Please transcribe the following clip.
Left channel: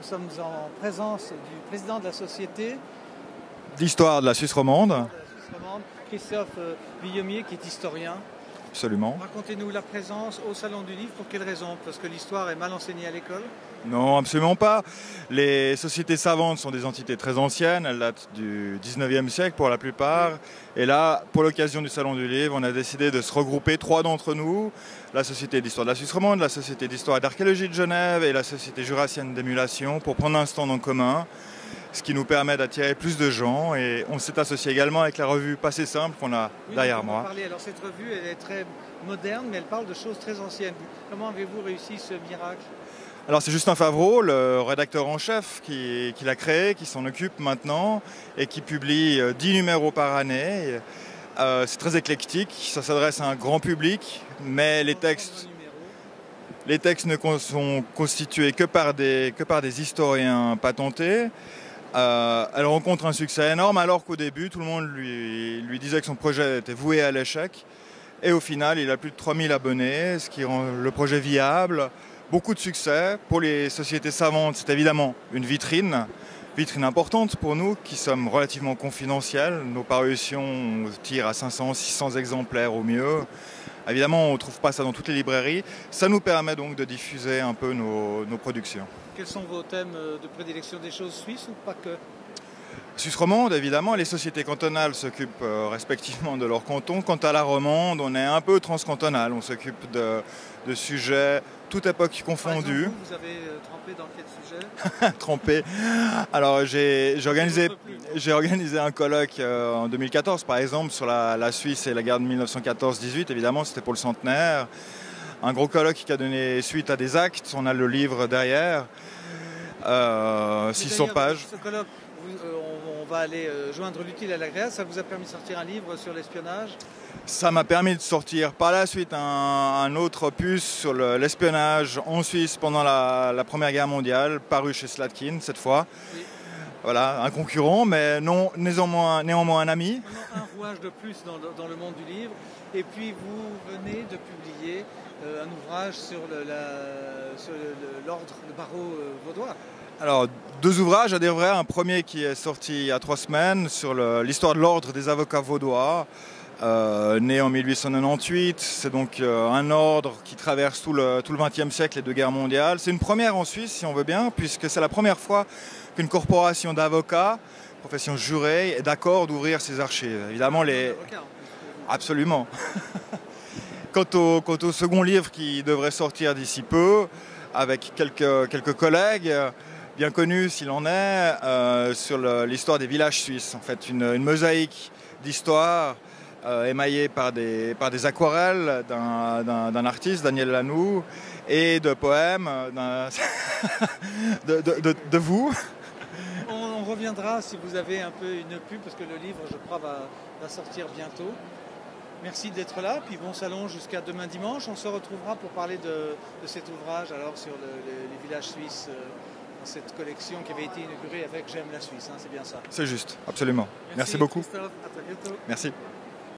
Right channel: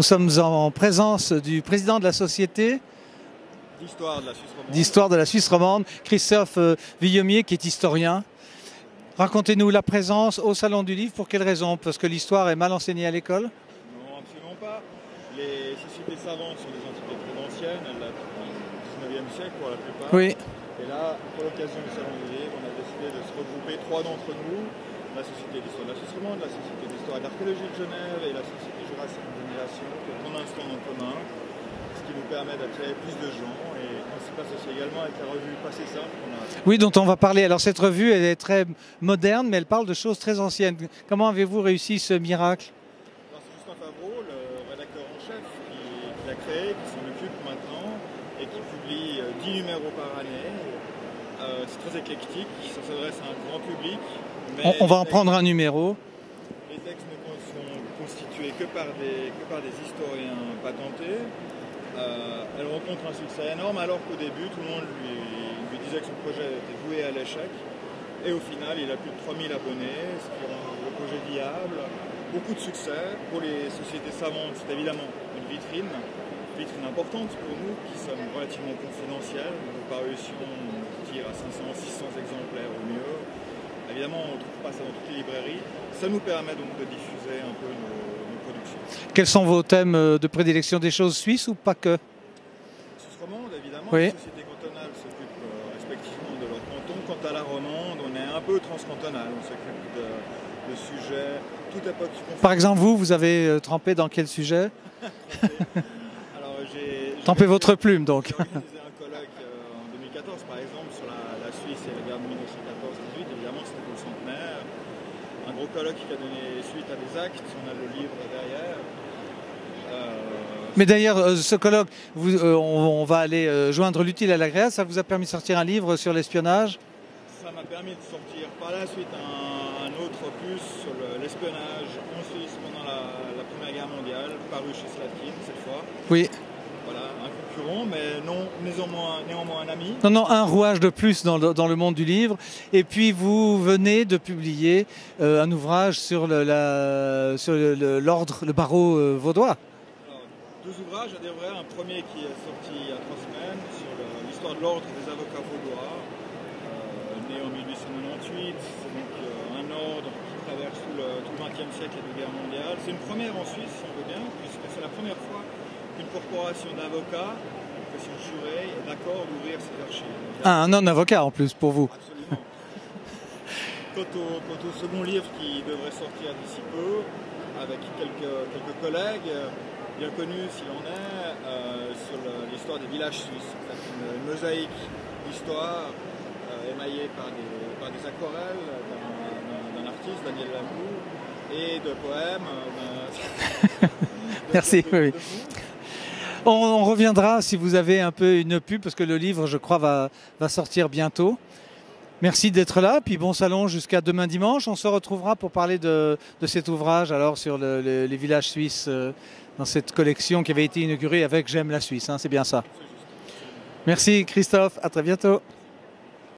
Nous sommes en présence du président de la société d'histoire de la Suisse romande. D'histoire de la Suisse romande, Christophe Villemier, qui est historien. Absolument. Racontez-nous la présence au Salon du Livre, pour quelle raison? Parce que l'histoire est mal enseignée à l'école? Non, absolument pas. Les sociétés savantes sont des entités très anciennes, elles datent du 19e siècle pour la plupart. Oui. Et là, pour l'occasion du Salon du Livre, on a décidé de se regrouper, trois d'entre nous, la Société d'histoire de la Suisse romande, la Société d'histoire et d'archéologie de Genève et la Société jurassienne d'émulation, pour prendre un stand en commun, ce qui nous permet d'attirer plus de gens. Et on s'est associé également avec la revue Passé Simple qu'on a. Oui, dont on va parler. Alors cette revue, elle est très moderne, mais elle parle de choses très anciennes. Comment avez-vous réussi ce miracle? Alors c'est Justin Favreau, le rédacteur en chef, qui l'a créé, qui s'en occupe maintenant et qui publie 10 numéros par année. C'est très éclectique, ça s'adresse à un grand public. Mais on va en prendre un numéro. Les textes ne sont constitués que par des historiens patentés. Elle rencontre un succès énorme alors qu'au début tout le monde lui disait que son projet était voué à l'échec. Et au final il a plus de 3000 abonnés, ce qui rend le projet viable. Beaucoup de succès. Pour les sociétés savantes, c'est évidemment une vitrine importante pour nous qui sommes relativement confidentiels. Nos parutions tirent à 500-600 exemplaires au mieux. Évidemment, on ne trouve pas ça dans toutes les librairies. Ça nous permet donc de diffuser un peu nos productions. Quels sont vos thèmes de prédilection? Des choses suisses ou pas que? Suisse romande, évidemment. Oui. Les sociétés cantonales s'occupent respectivement de leur canton. Quant à la romande, on est un peu transcantonal. On s'occupe de sujets, toute époque confondue. Par exemple, vous avez trempé dans quel sujet? Trempé. Alors, j'ai votre plume, donc. J'ai organisé un colloque en 2014, par exemple, sur la Suisse et la guerre de 1914-18. Évidemment, c'était pour le centenaire. Un gros colloque qui a donné suite à des actes. On a le livre derrière. Mais d'ailleurs, ce colloque, on va aller joindre l'utile à l'agréable. Ça vous a permis de sortir un livre sur l'espionnage? Ça m'a permis de sortir par la suite un autre opus sur l'espionnage en Suisse pendant la Première Guerre mondiale, paru chez Slatkin cette fois. Oui. Voilà, un concurrent, mais non, néanmoins un ami. Non, un rouage de plus dans le monde du livre. Et puis vous venez de publier un ouvrage sur l'ordre, le barreau vaudois. Alors, deux ouvrages à dire vrai. Un premier qui est sorti il y a 3 semaines sur l'histoire de l'ordre des avocats vaudois. Né en 1898, c'est donc un ordre qui traverse tout le XXe siècle et 2 guerres mondiales. C'est une première en Suisse, si on veut bien, puisque c'est la première fois qu'une corporation d'avocats, profession jurée, est d'accord d'ouvrir ses archives. Évidemment, un non-avocat en plus pour vous. Absolument. Quant au second livre qui devrait sortir d'ici peu, avec quelques collègues, bien connus s'il en est, sur l'histoire des villages suisses. En fait, une mosaïque d'histoire émaillé par des aquarelles d'un artiste, Daniel Lanoux, et de poèmes de vous. On reviendra si vous avez un peu une pub, parce que le livre, je crois, va sortir bientôt. Merci d'être là, puis bon salon jusqu'à demain dimanche. On se retrouvera pour parler de cet ouvrage alors sur les villages suisses, dans cette collection qui avait été inaugurée avec J'aime la Suisse, hein, c'est bien ça? C'est juste, absolument. Merci Christophe, à très bientôt. Merci.